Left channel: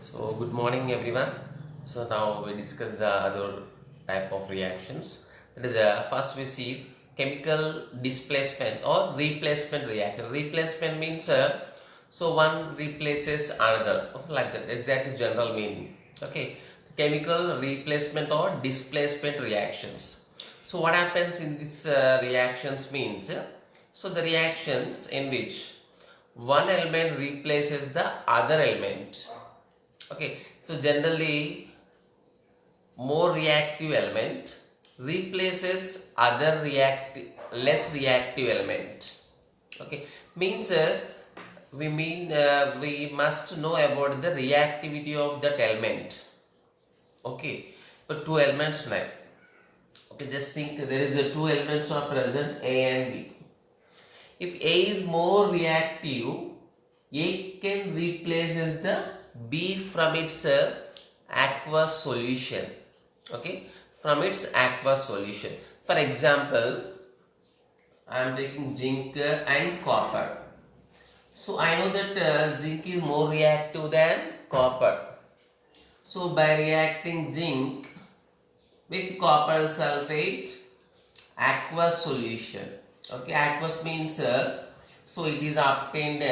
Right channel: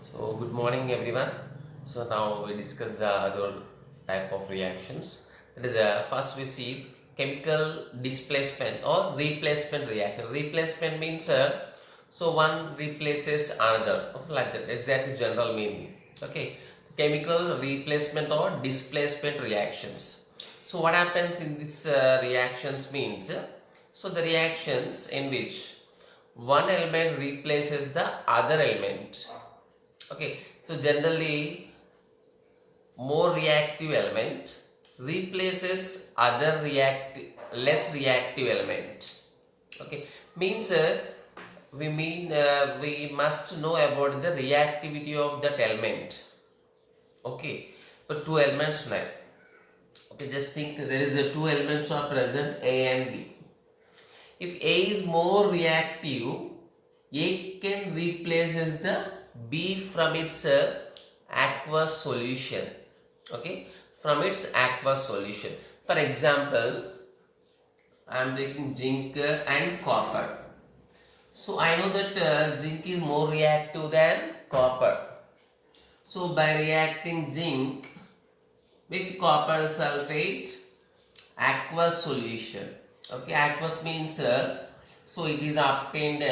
So good morning everyone. So now we discuss the other type of reactions. That is first we see chemical displacement or replacement reaction. Replacement means so one replaces another, like that. Exactly general meaning. Okay, chemical replacement or displacement reactions. So what happens in this reactions means so the reactions in which one element replaces the other element. Okay, so generally more reactive element replaces other less reactive element. Okay, means we must know about the reactivity of that element. Okay, but two elements now. Okay, just think there is two elements are present, A and B. If A is more reactive, A can replaces the B from its aqueous solution. Okay, from its aqueous solution. For example, I am taking zinc and copper. So I know that zinc is more reactive than copper. So by reacting zinc with copper sulfate, aqueous solution. Okay, aqueous means so it is obtained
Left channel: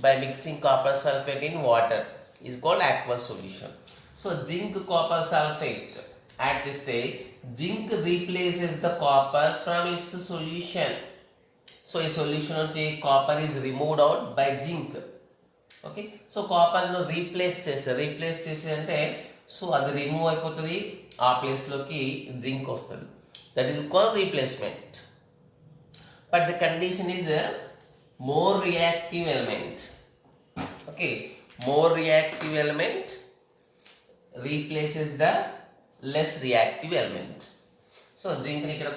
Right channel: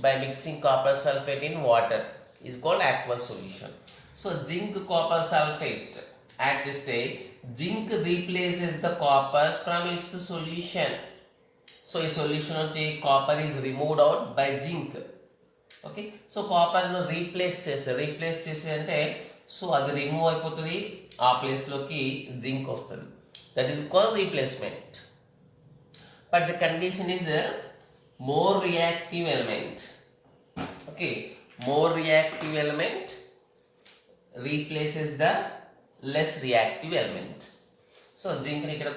by mixing copper sulfate in water, is called aqueous solution. So zinc copper sulfate, at this stage zinc replaces the copper from its solution. So a solution of the copper is removed out by zinc. Okay, so copper no replace చేస్తే so అది remove అయిపోతుంది, ఆ place లోకి zinc వస్తుంది. That is called replacement. But the condition is more reactive element. Okay, more reactive element replaces the less reactive element. So zinc ni ikkada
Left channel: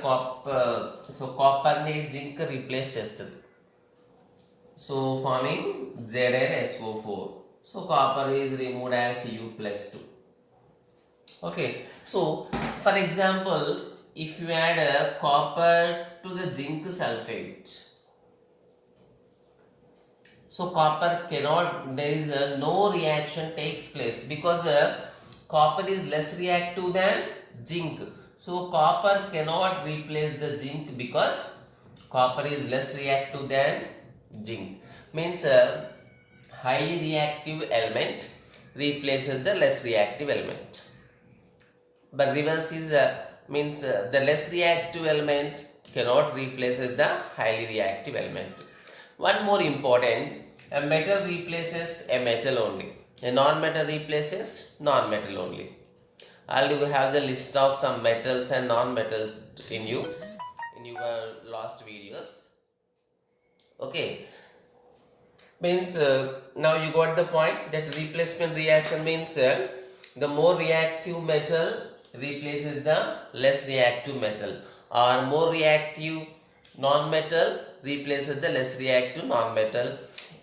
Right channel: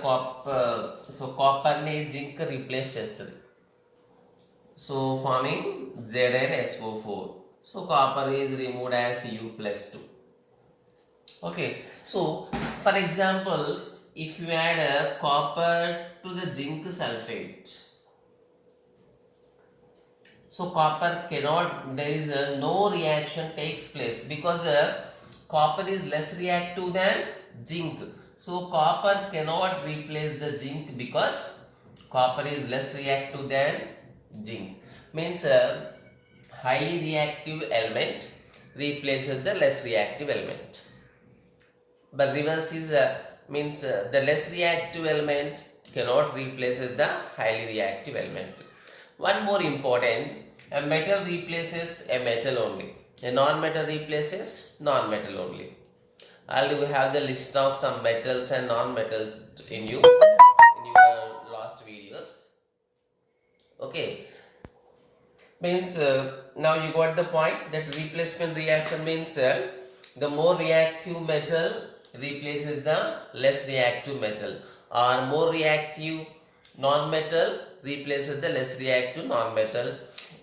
copper ni zinc replace chestadi, so forming ZnSO4. So copper is removed as Cu+2. Okay, so for example, if you add copper to the zinc sulfate, so copper cannot, there is no reaction takes place because copper is less reactive than zinc. So copper cannot replace the zinc because copper is less reactive than zinc. Means highly reactive element replaces the less reactive element. But reverse is means the less reactive element cannot replace the highly reactive element. One more important, a metal replaces a metal only, a non-metal replaces non-metal only. I'll have the list of some metals and non-metals in your last videos. Okay, means now you got the point that replacement reaction means the more reactive metal replaces the less reactive metal, or more reactive non-metal replaces the less reactive non-metal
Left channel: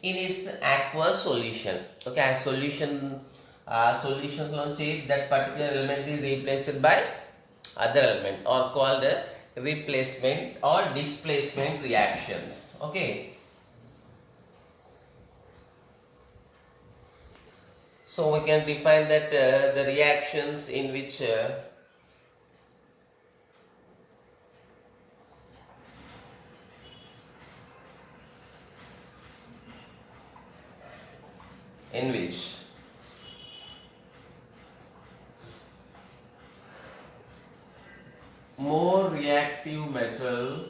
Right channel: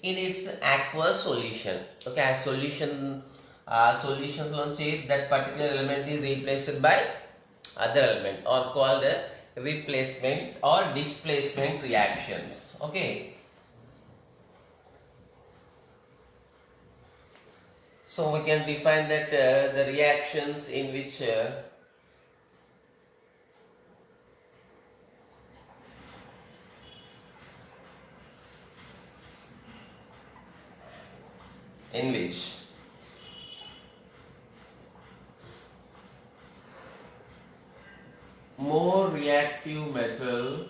in its aqueous solution. Okay, solution that particular element is replaced by other element, or called replacement or displacement reactions. Okay, so we can define that the reactions in which more reactive metal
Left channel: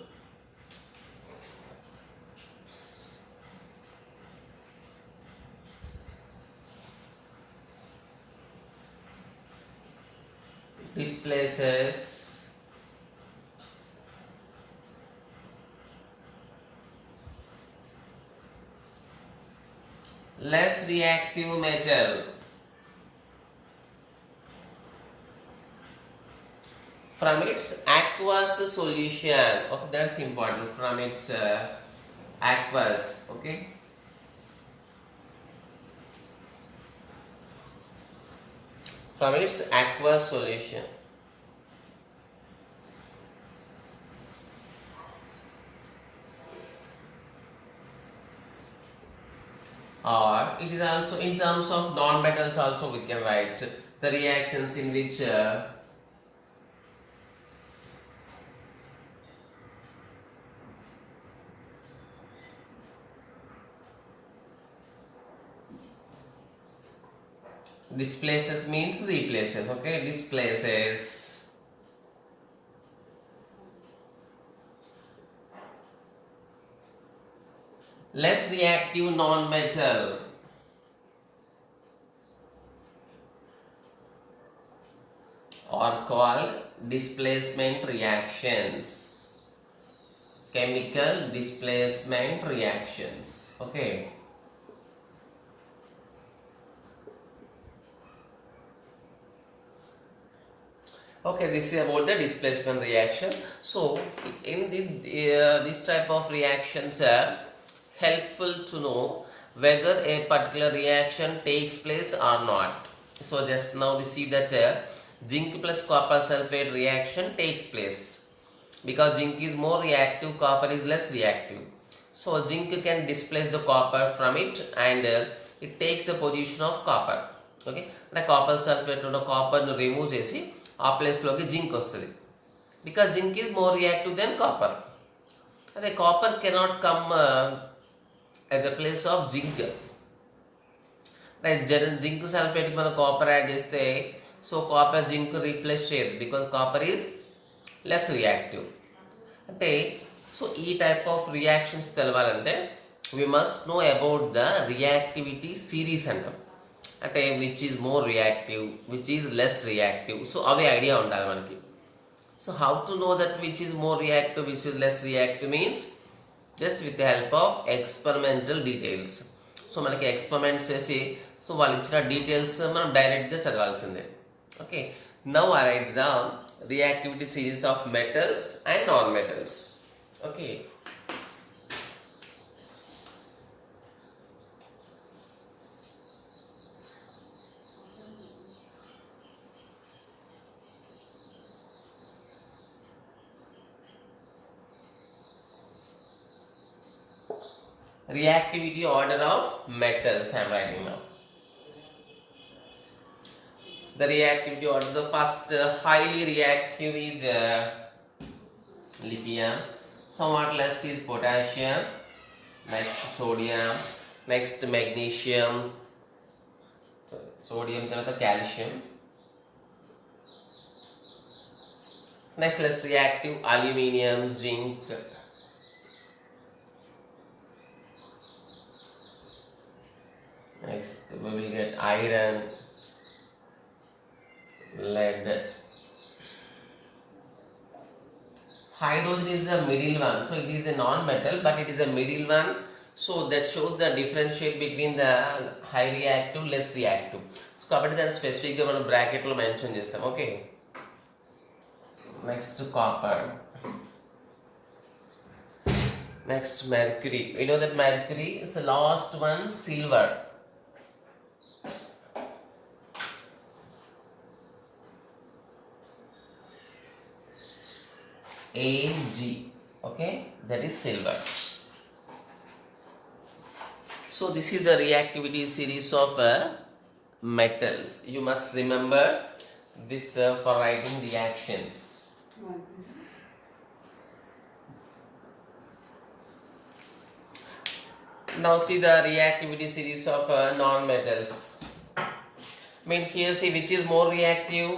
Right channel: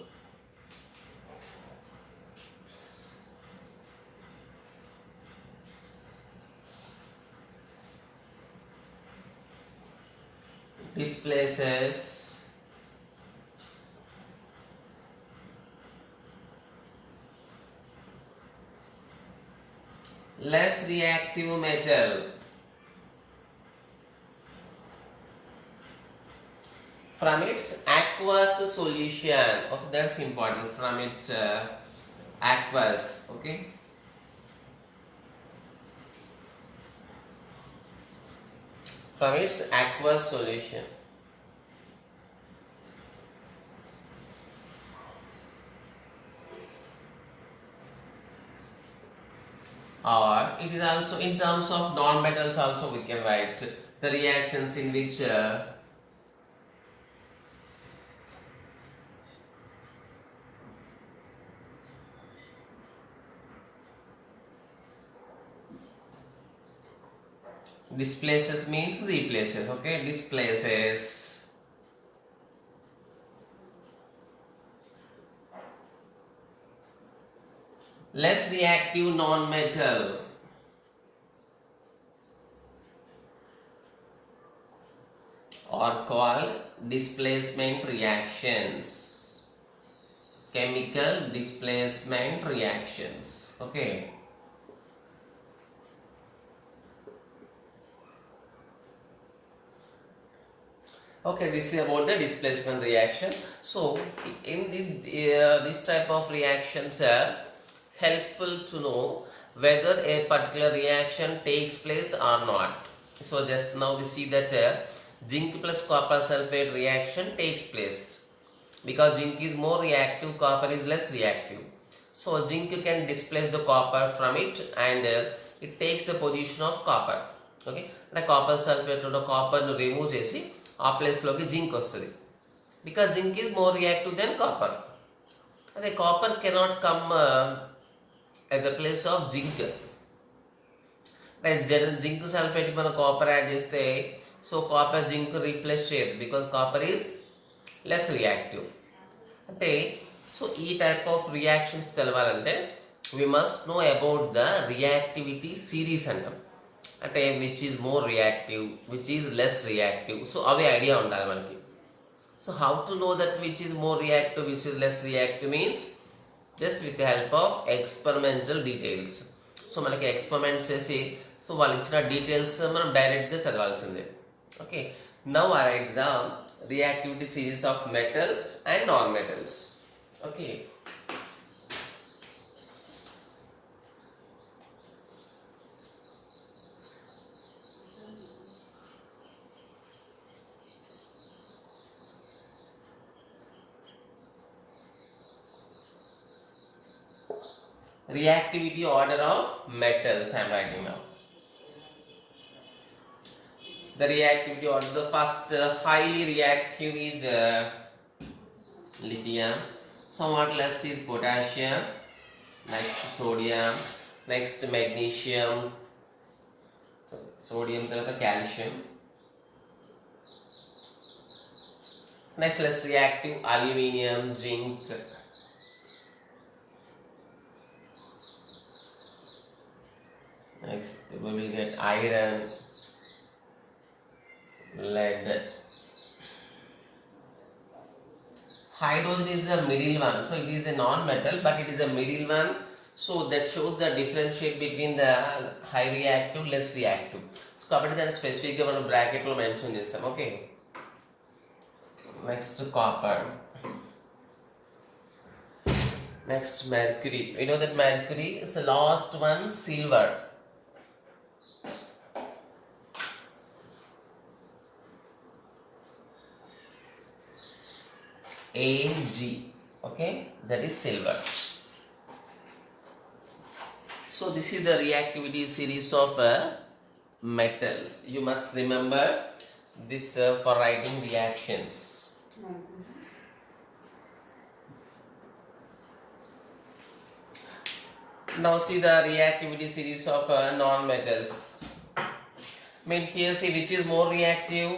displaces less reactive metal from its aqueous solution. Okay, that's important, from its aqueous. Okay, from its aqueous solution. or it is also in terms of non-metals also we can write the reactions in which displaces means replaces, okay, displaces less reactive non-metal are called displacement reactions, chemical displacement reactions, okay. Okay, this is about the displacement reaction. So, in this type of reactions are helpful to know whether a particular reaction takes place or not. So, just now we see that zinc plus copper sulfate reaction takes place because zinc is more reactive, copper is less reactive. So, zinc can displace the copper from it and it takes the position of copper. Okay, the copper sulfate or the copper remove chesi ఆ ప్లేస్లోకి zinc వస్తుంది because zinc is more reactive than copper అదే copper cannot come at the place of zinc. Zinc సల్ఫేట్కి మనం copper add చేస్తే so copper zinc replace చేయదు because copper is less reactive. అంటే so ఈ టైప్ ఆఫ్ రియాక్షన్స్ తెలవాలంటే we must know about the reactivity series అంటాం. అంటే which is more reactive, which is less reactive, so అవి idea ఉండాలి మనకి. So how to know that which is more reactive, which is less reactive means just with the help of experimental details. So మనకి experiments చేసి so వాళ్ళు ఇచ్చిన details మనం డైరెక్ట్గా చదవాల్సిందే. Okay, now I write the reactivity series of metals and non metals. Okay, reactivity order of metals I am writing now. The reactivity order, the first highly reactive is lithium, somewhat less is potassium, next sodium, next magnesium, sodium tarvata calcium, next less reactive aluminium, zinc, next we will get iron, lead. Hydrogen is the middle one, so it is a non-metal but it is a middle one, so that shows the differentiate between the high reactive, less reactive. So కాబట్టి దాన్ని స్పెసిఫిక్గా మనం బ్రాకెట్లో mention చేస్తాం. Okay, next copper, next mercury. We know that mercury is the last one, silver. Ag, okay, that is silver. So this is the reactivity series of metals. You must remember this for writing reactions. Now see the reactivity series of non-metals. I mean here see which is more reactive.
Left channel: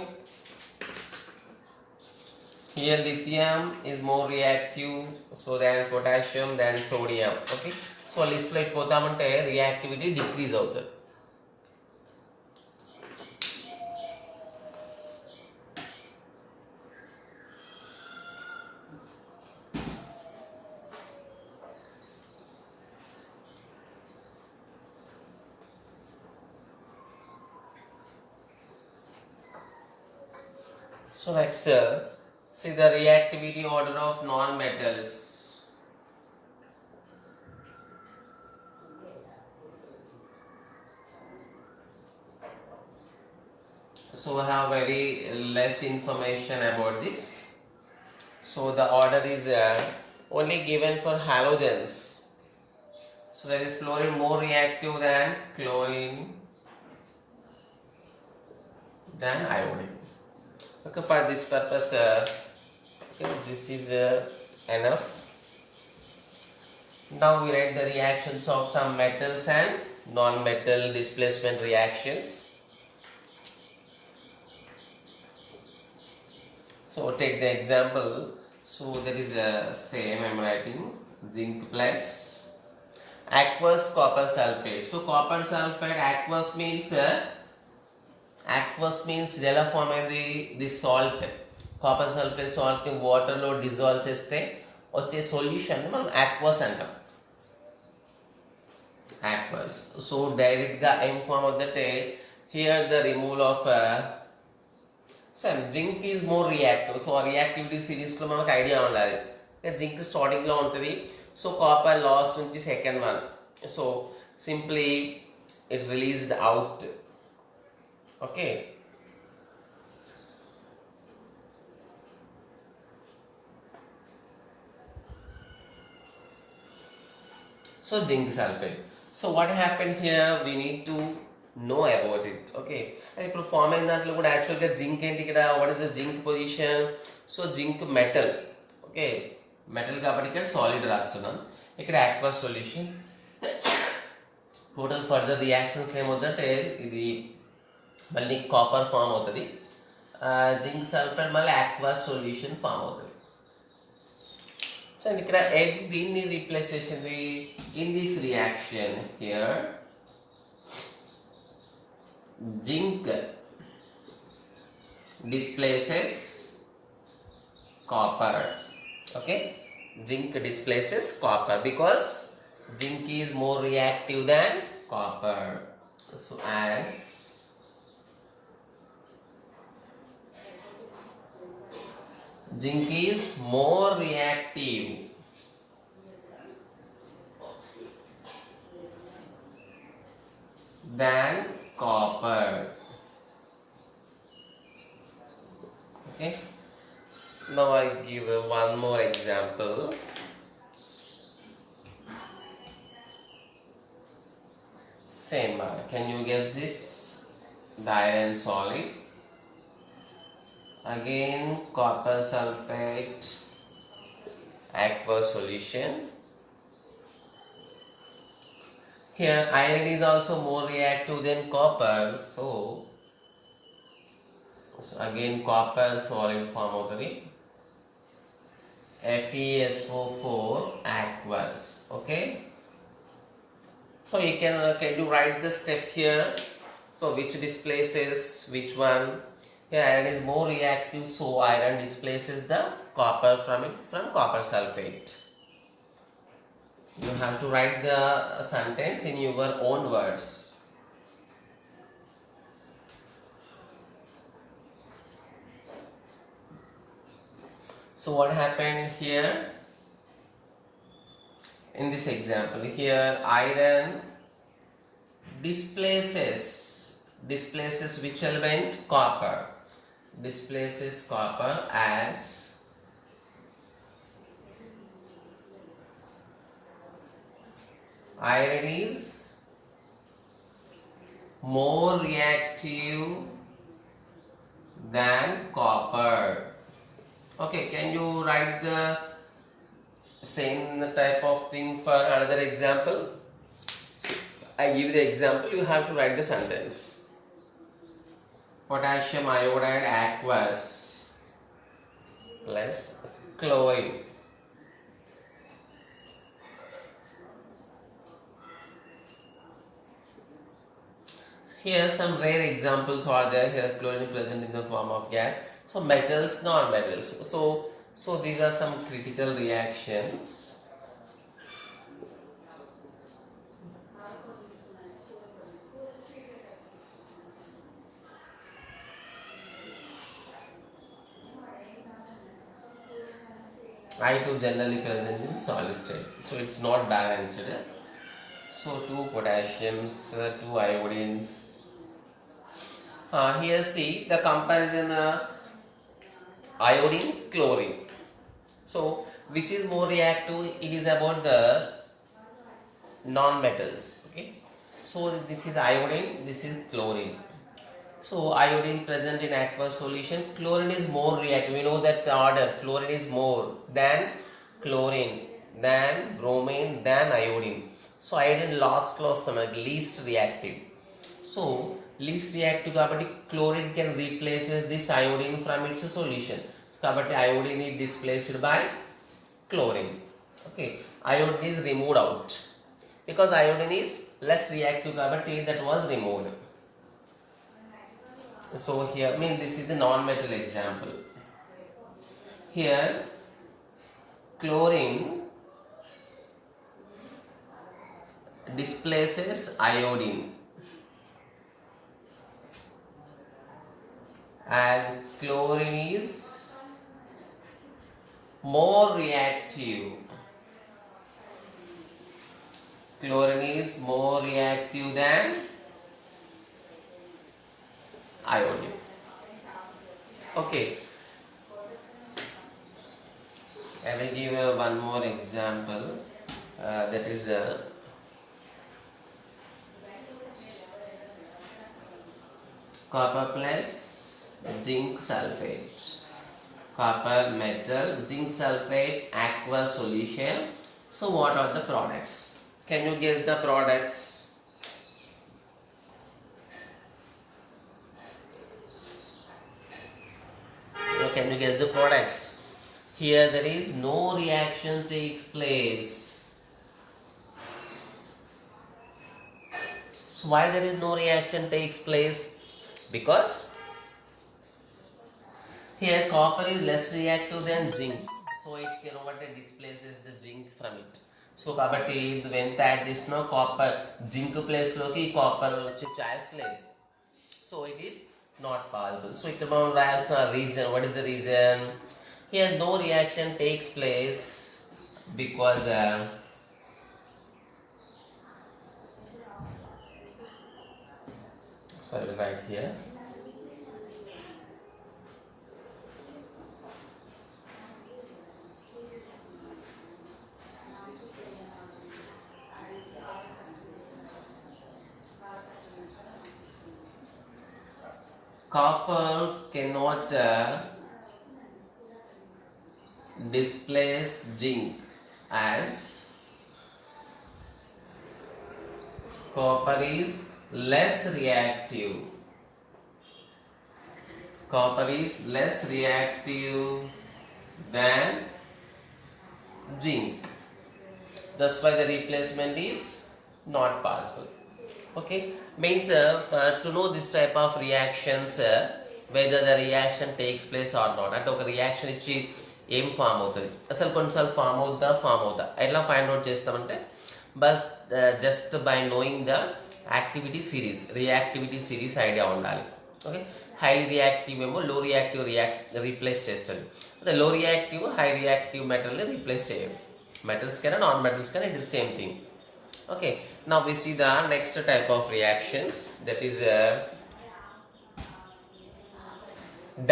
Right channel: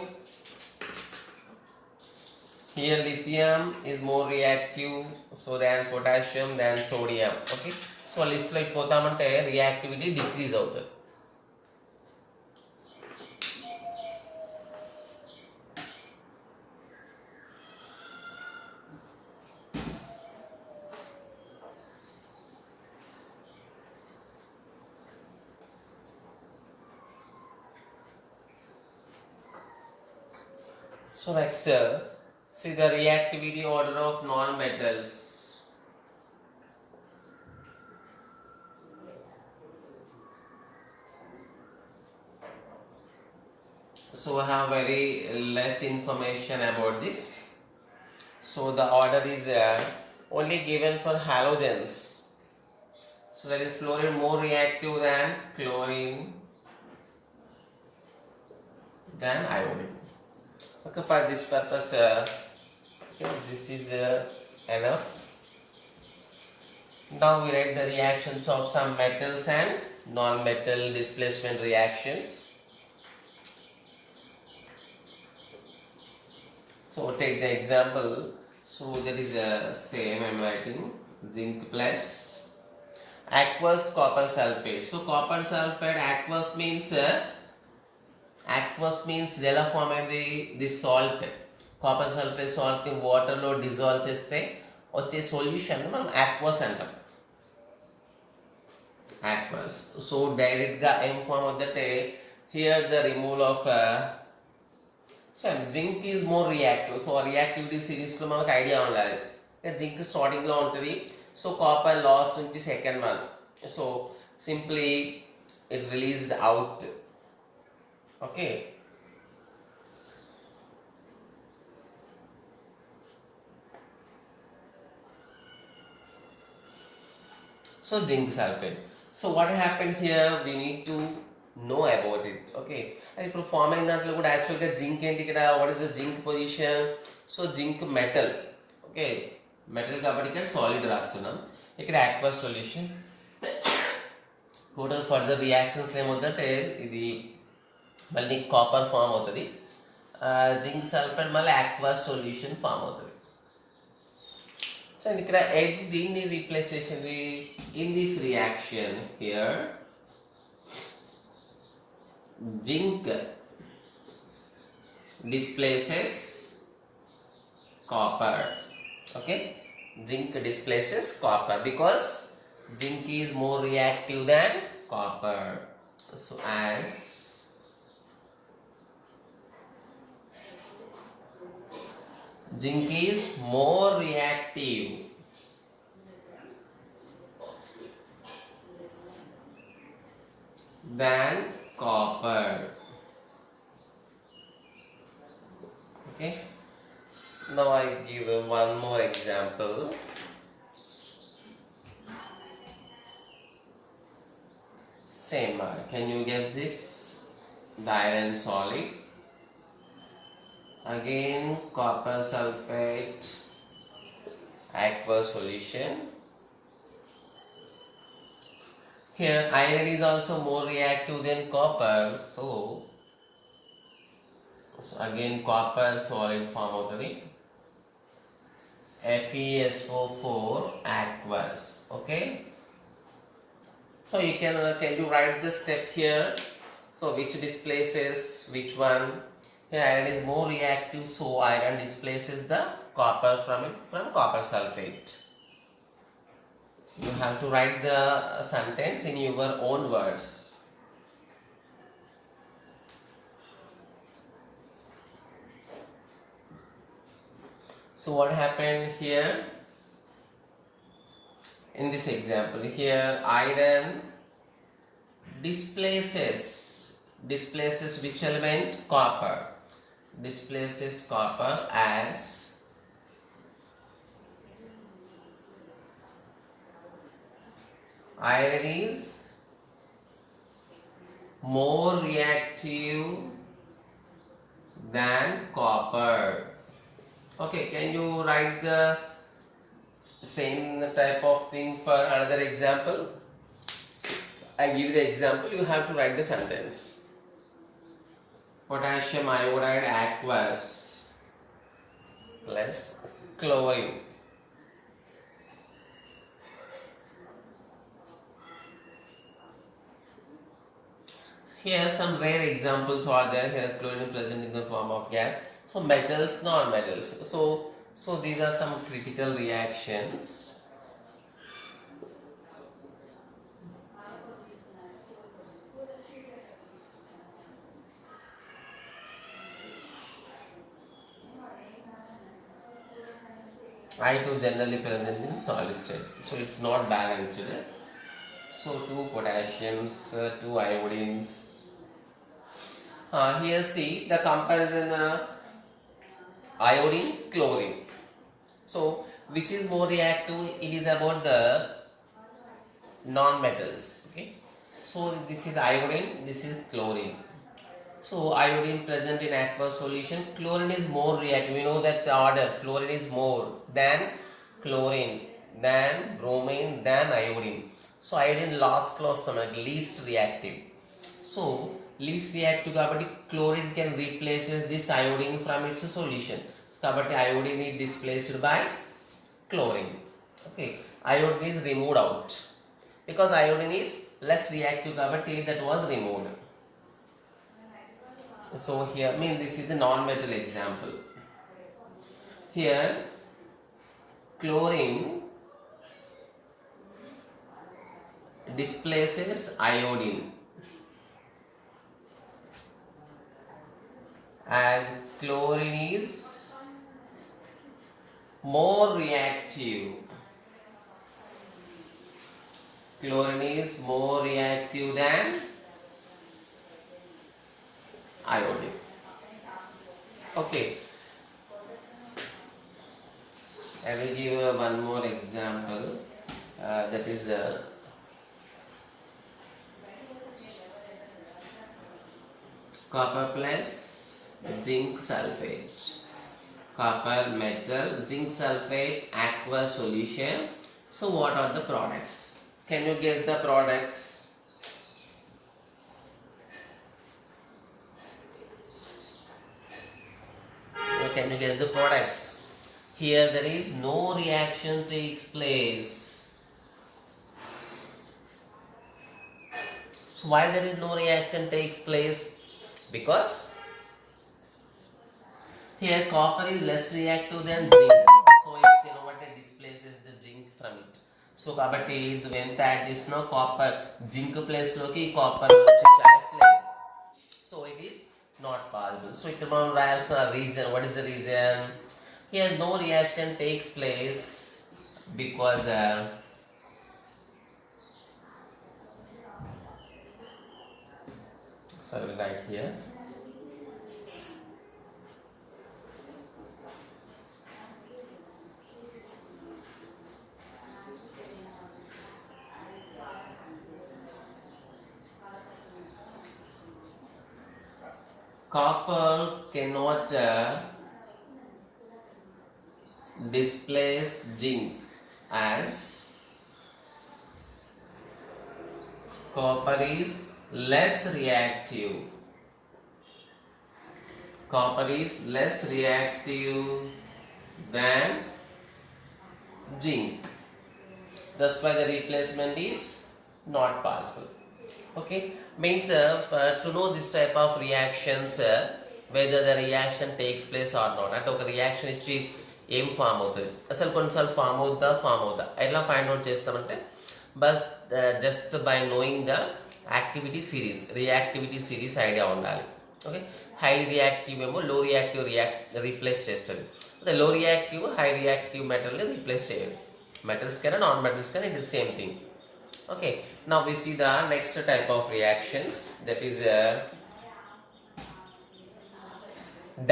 Here lithium is more reactive, so than potassium, than sodium. Okay, so list లో పోతామంటే reactivity decrease అవుతుంది. So next see the reactivity order of non-metals. So we have very less information about this. So the order is only given for halogens. So So that is fluorine more reactive than chlorine than iodine. Okay, for this purpose, okay, this is enough. Now we write the reactions of some metals and non-metal displacement reactions. So take the example. So that is same I am writing zinc plus aqueous copper sulfate. So copper sulfate, aqueous means they will form the salt. Copper sulfate salt ni water lo dissolve cheste వచ్చే solution మనం aqueous అంటాం. Aqueous. So direct గా ఏం form అవుతుందంటే here the removal of zinc is more reactive. So reactivity series లో మనకు idea ఉండాలి. zinc starting లో ఉంటుంది. సో కాపర్ లాస్ట్ నుంచి second one. So simply it released out. Okay, so zinc sulfate. So what happened here, we need to know about it. Okay, ఇప్పుడు form అయిన దాంట్లో కూడా యాక్చువల్గా జింక్ ఏంటి ఇక్కడ, what is the zinc position? So zinc metal. Okay, metal కాబట్టి ఇక్కడ solid రాస్తున్నాం. ఇక్కడ aqueous solution. Total further reactions ఏమవుతుందంటే ఇది మళ్ళీ కాపర్ ఫామ్ అవుతుంది, జింక్ సల్ఫేట్ మళ్ళీ aqueous సొల్యూషన్ ఫామ్ అవుతుంది. సో ఇక్కడ దీన్ని రీప్లేస్ చేసింది in this reaction here zinc displaces copper. Okay, zinc displaces copper because zinc is more reactive than copper. So as zinc is more reactive than copper. Okay, now I give one more example. Same, can you guess this? The iron solid, again copper sulfate, aqueous solution. Here iron is also more reactive than copper, so again copper solid form అవుతుంది, FeSO4 aqueous. Okay, so you can you write the step here? So which displaces which one? Here iron is more reactive, so iron displaces the copper from copper sulfate. You have to write the sentence in your own words. So what happened here in this example? Here iron displaces which element? Copper. Displaces copper as iron is more reactive than copper. Okay, can you write the same type of thing for another example? I give the example, you have to write the sentence. Potassium iodide aqueous plus chlorine. Here some rare examples are there. Here chlorine present in the form of gas. So metals, non-metals. So these are some critical reactions. I2 generally present in solid state, so it's not balanced. So 2 potassiums, 2 iodines. Here see the comparison, iodine, chlorine. So which is more reactive? It is about the non-metals. Okay, so this is iodine, this is chlorine. So iodine present in aqueous solution, chlorine is more reactive. We know that order, fluorine is more than chlorine, than bromine, than iodine. So iodine last clause least reactive. So least reactive kabatti chlorine can replace this iodine from its solution. Kabatti iodine is displaced by chlorine. Okay, iodine is removed out because iodine is less reactive kabatti that was removed. So here, this is the non-metal example. Here, chlorine displaces iodine as chlorine is more reactive. Chlorine is more reactive than iodine. Okay, I will give you one more example. That is copper plus zinc sulfate. Copper metal, zinc sulfate, aqueous solution. So what are the products? Can you guess the products? Can you guess the products? Here there is no reaction takes place. So why there is no reaction takes place? Because here copper is less reactive than zinc. So it displaces the zinc from it. So kabatti when add this no copper zinc place loki copper choice లేదు. So it is not possible. So it has a reason. What is the reason? Here no reaction takes place because sorry, right here. Copper cannot displace zinc as copper is less reactive. Copper is less reactive than zinc. That's why the replacement is not possible. Okay, means to know this type of reactions, whether the reaction takes place or not. అంటే ఒక reaction ఇచ్చి ఏం form అవుతుంది, అసలు కొన్నిసార్లు form అవుద్దా ఎట్లా find out చేస్తామంటే bus just by knowing the activity series, reactivity series idea ఉండాలి. ఓకే, హై రియాక్టివ్ ఏమో లో రియాక్టివ్ రీప్లేస్ చేస్తుంది, అంటే లో రియాక్టివ్ హై రియాక్టివ్ మెటల్ని రీప్లేస్ చేయండి. మెటల్స్ కైనా నాన్ మెటల్స్ కైనా it is same thing. Okay, now we see the next type of reactions, that is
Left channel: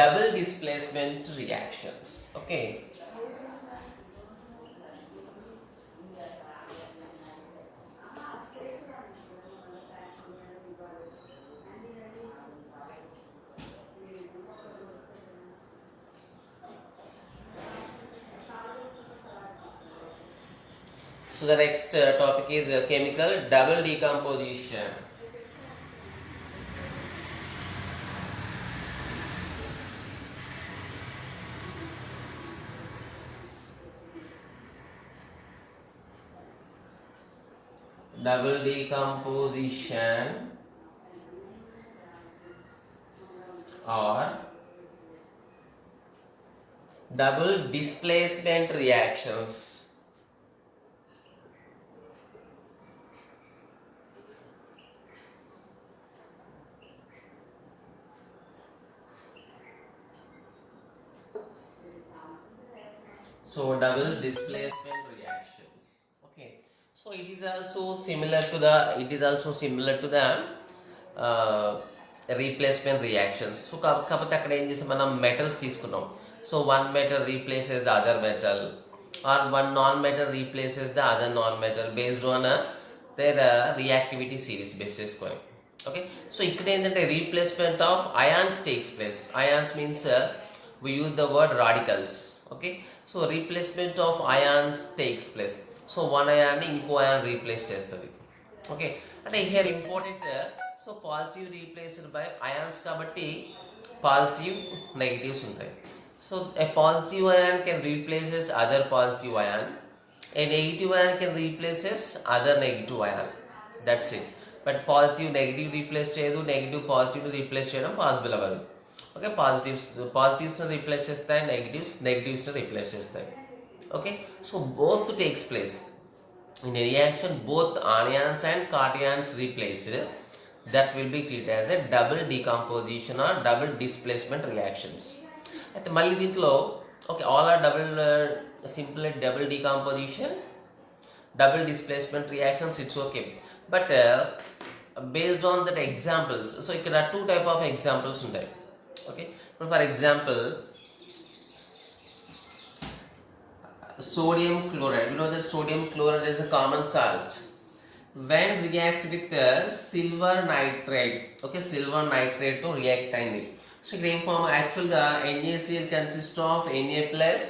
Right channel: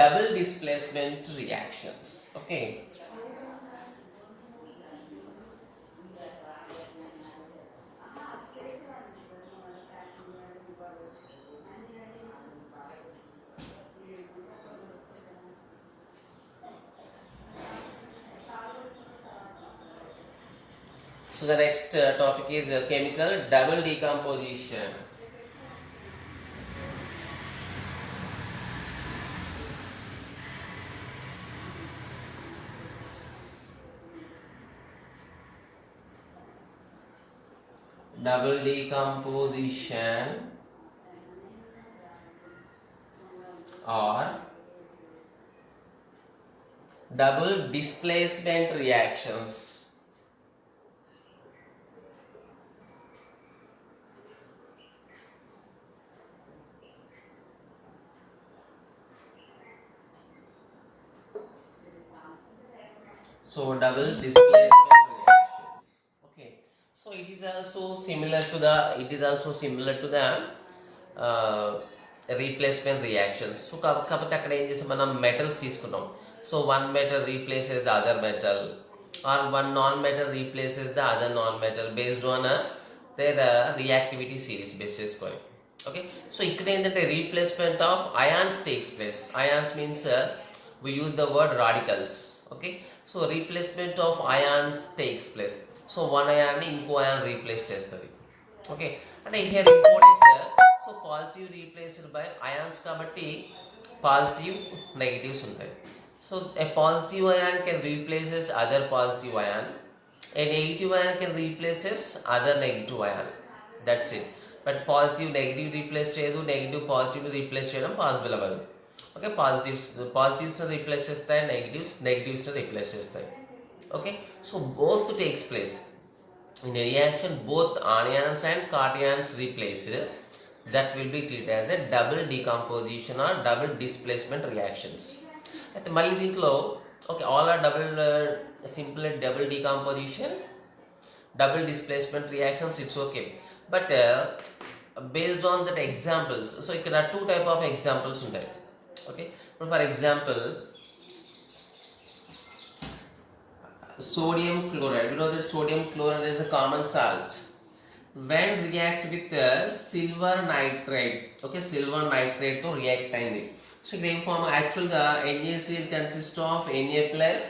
double displacement reactions. Okay, so the next topic is chemical double decomposition. Double decomposition or double displacement reactions. So double displacement reactions. Okay, so it is also similar to the replacement reactions. So కాబట్టి అక్కడ ఏం చేసాం, మనం metals తీసుకున్నాం. So one metal replaces the other metal or one non-metal replaces the other non-metal based on their reactivity series based చేసుకొని. Okay, so ఇక్కడ ఏంటంటే replacement of ions takes place. Ions means we use the word radicals. Okay, so replacement of ions takes place. So one ion ని ఇంకో ion replace చేస్తుంది. Okay, అంటే here important, so positive replaced by ions కాబట్టి positive negatives ఉంటాయి. So a positive ion can replaces other positive ion, a negative ion can replaces other negative ion. That's it. But positive negative replace చేయదు, negative positive replace చేయడం possible అవ్వదు. Okay, positives replace చేస్తాయి, negatives replace చేస్తాయి. Okay, so both takes place in a reaction, both anions and cations replaced. That will be treated as a double decomposition or double displacement reactions. అయితే మళ్ళీ దీంట్లో okay, all are simple double decomposition, double displacement reactions, it's okay. But based on that examples, so ఇక్కడ two type of examples ఉంటాయి. Okay, for example, sodium chloride. You know that sodium chloride is a common salt. When react with silver nitrate, okay, silver nitrate to react అయింది. So ఇక్కడ ఏం form, యాక్చువల్గా NaCl consists of Na plus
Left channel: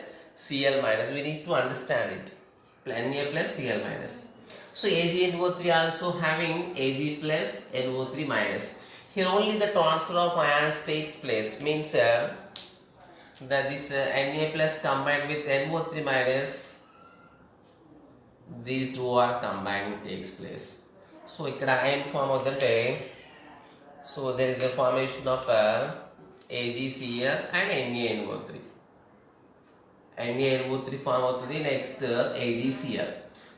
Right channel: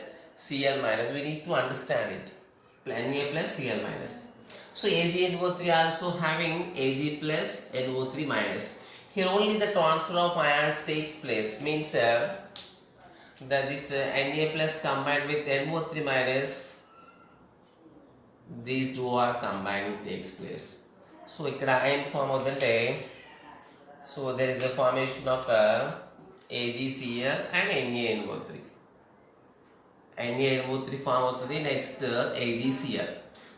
Cl minus. We need to understand it. Na plus Cl minus. So AgNO3 also having Ag plus NO3 minus. Here only the transfer of ions takes place. Means that this Na plus combined with NO3 minus, these two are combined takes place. So ikkada n form avudante, so there is a formation of AgCl and NaNO3. NaNO3 form అవుతుంది, next AgCl.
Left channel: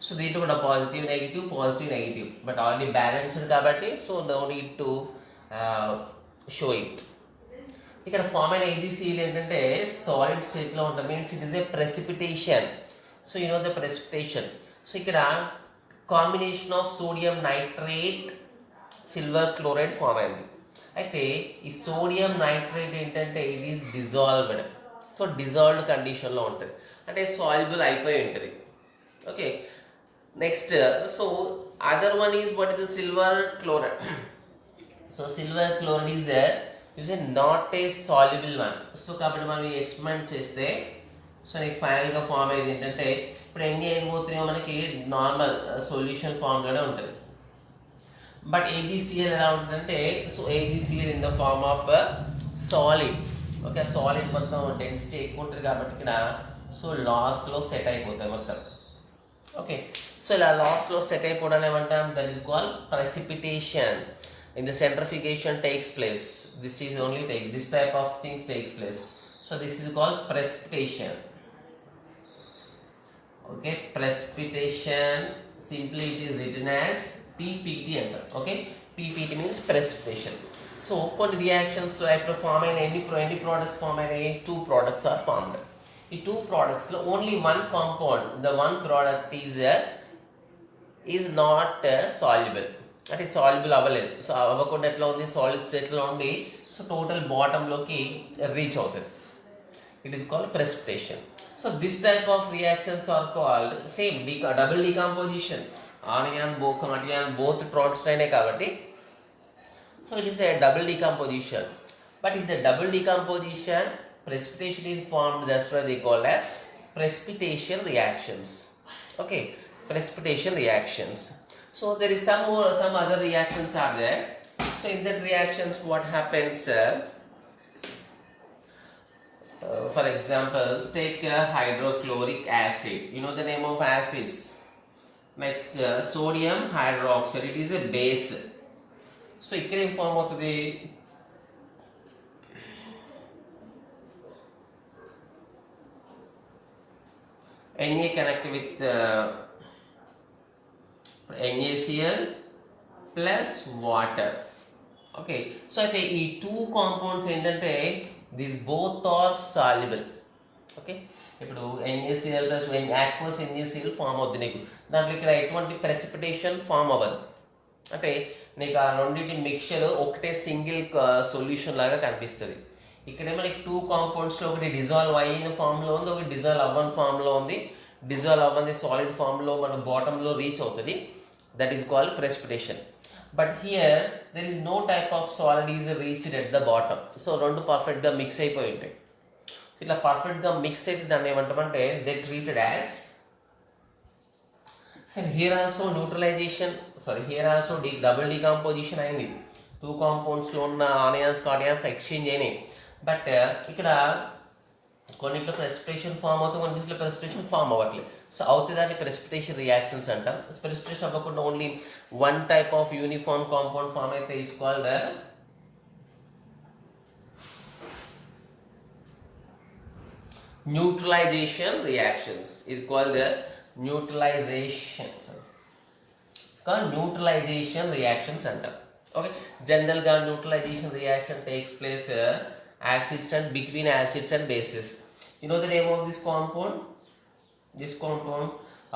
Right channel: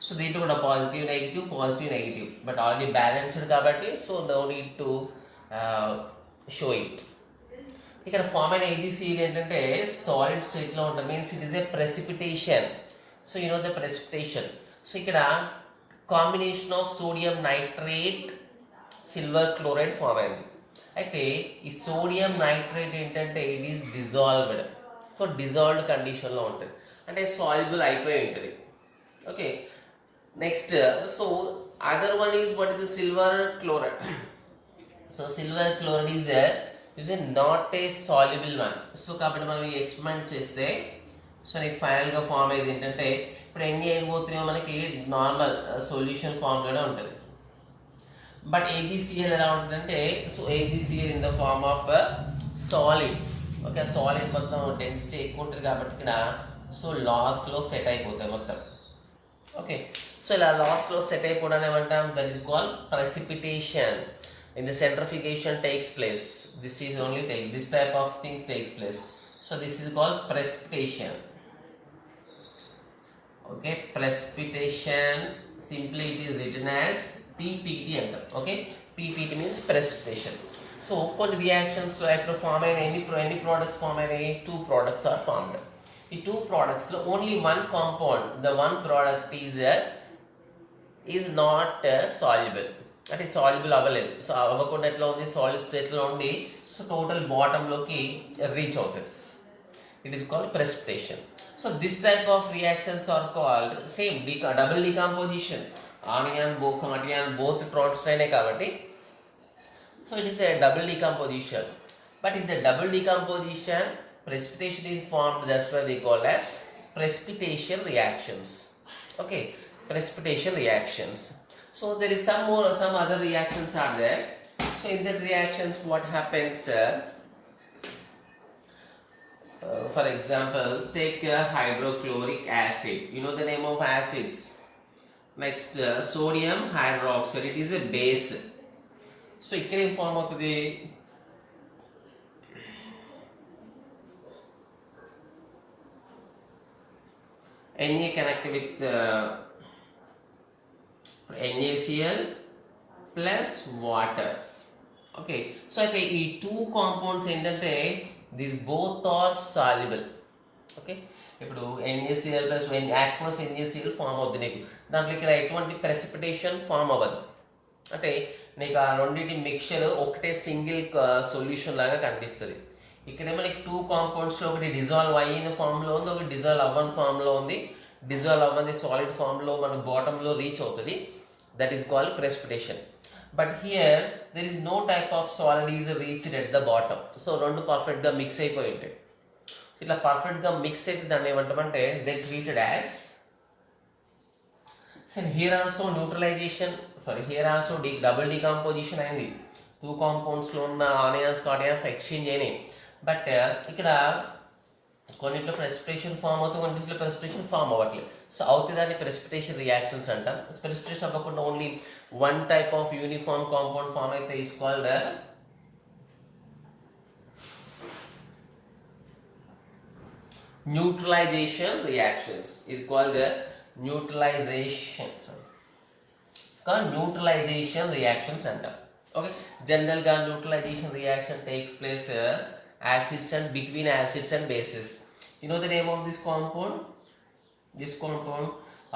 So దీంట్లో కూడా positive negative but already balanced కాబట్టి so no need to show it. ఇక్కడ form అయిన AgCl ఏంటంటే solid స్టేట్లో ఉంటుంది, means it is a precipitation. So you know the precipitation. So ఇక్కడ combination of sodium nitrate silver chloride form అయింది. అయితే ఈ సోడియం నైట్రేట్ ఏంటంటే ఇది ఈజ్ డిజాల్వ్డ్. సో డిజాల్వ్డ్ కండిషన్లో ఉంటుంది, అంటే సాల్యుబుల్ అయిపోయి ఉంటుంది. Okay, next so other one is what is silver chloride. So silver chloride is a not a soluble one. So కాబట్టి మనం ఈ ఎక్స్పెరిమెంట్ చేస్తే సో నీకు ఫైనల్గా ఫామ్ అయ్యేది ఏంటంటే, ఇప్పుడు NaNO3 మనకి నార్మల్ సొల్యూషన్ ఫామ్లోనే ఉంటుంది. బట్ AgCl ఎలా ఉంటుందంటే, so AgCl in the form of solid. Okay, solid మొత్తం డెన్సిటీ ఎక్కువ ఉంటుంది కాబట్టి ఇక్కడ సో లాస్ట్లో సెట్ అయిపోతాయి మొత్తం. ఓకే, సో ఇలా లాస్ట్లో సెట్ అయిపోవడం ఏమంటాం, that is called precipitation. In the centrifugation takes place. This is only this type of things takes place. So this is called precipitation. Okay, precipitation, simply it is written as PPT anta. Okay, PPT means precipitation. So కొన్ని reactions లో ఎప్పుడు form అయిన any products form అయిన two products are formed. ఈ two products లో only one compound, the one product is not soluble. అంటే soluble అవ్వలేదు. So అవ్వకుండా ఎట్లా ఉంది, సాలిడ్ స్టేట్లో ఉండి సో టోటల్ బాటంలోకి రీచ్ అవుతుంది. It is called precipitation. So this type of reactions are called same double decomposition. Anion both products అయినాయి కాబట్టి so it is a double decomposition. But in the double decomposition precipitation is formed, that's why they call as precipitation reactions. Okay, precipitation reactions. So there is some other reactions are there. So in that reactions what happens, for example, take hydrochloric acid. You know the name of acids. Next sodium hydroxide, it is a base. So it can form of the Na connect with NaCl plus water. Okay, so అయితే ఈ two compounds ఏంటంటే these both are soluble. Okay, ఇప్పుడు NaCl plus aqueous NaCl form అవుతుంది నీకు. దాంట్లో ఇక్కడ ఎటువంటి precipitation form అవ్వదు. అంటే నీకు ఆ రెండింటి మిక్చర్ ఒకటే సింగిల్ సొల్యూషన్ లాగా కనిపిస్తుంది. ఇక్కడేమో నీకు టూ కాంపౌండ్స్లో ఒకటి డిజాల్వ్ అయిన ఫామ్లో ఉంది, ఒకటి డిజాల్వ్ అవ్వని ఫామ్లో ఉంది. డిజాల్వ్ అవ్వని సాలిడ్ ఫామ్లో మన బాటంలో రీచ్ అవుతుంది. that is called precipitation. But here there is no type of solid is reached at the bottom. So రెండు perfect గా mix అయిపోయి ఉంటాయి. ఇట్లా perfect గా mix అయితే దాన్ని ఏమంటామంటే they treated as. So here also neutralization, here also double decomposition అయింది. టూ కాంపౌండ్స్ లో ఉన్న ఆనియన్స్ కార్డియన్స్ ఎక్స్చేంజ్ అయినాయి. బట్ ఇక్కడ కొన్నిట్లో ప్రెసిపిటేషన్ ఫామ్ అవుతుంది, కొన్నిట్లో ప్రెసిపిటేషన్ ఫామ్ అవ్వట్లేదు. సో అవుతుంది దాన్ని ప్రెసిపిటేషన్ రియాక్షన్స్ అంటాం. ప్రెసిపిటేషన్ అవ్వకుండా only one type of uniform compound form అయితే ఈస్ కాల్డ్ న్యూట్రలైజేషన్ రియాక్షన్స్. ఇది కాల్డ్ న్యూట్రలైజేషన్ రియాక్షన్స్ అంటాం. ఓకే, జనరల్ గా neutralization reaction takes place acids and between acids and bases. You know the name of this compound? This compound